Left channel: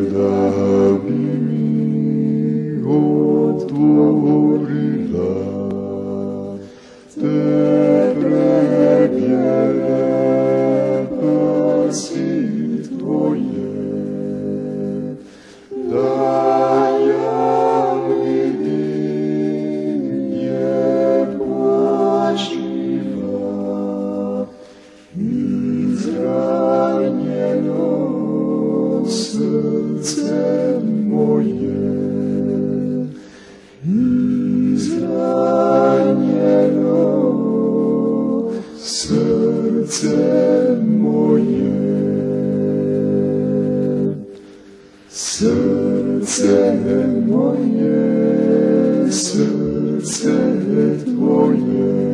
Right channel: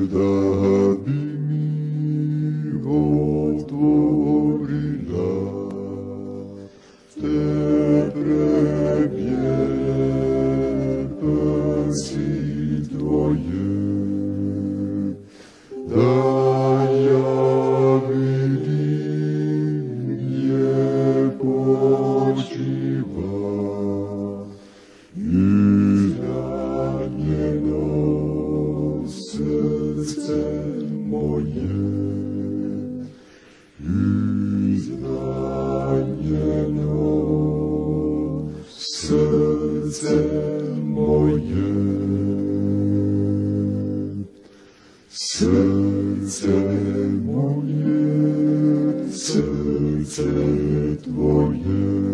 da bi mi otvorila te prebijele prsi tvoje, da ja vidim gdje počiva izranjeno srce moje, izranjeno srce moje. Srce moje, srce tvoje,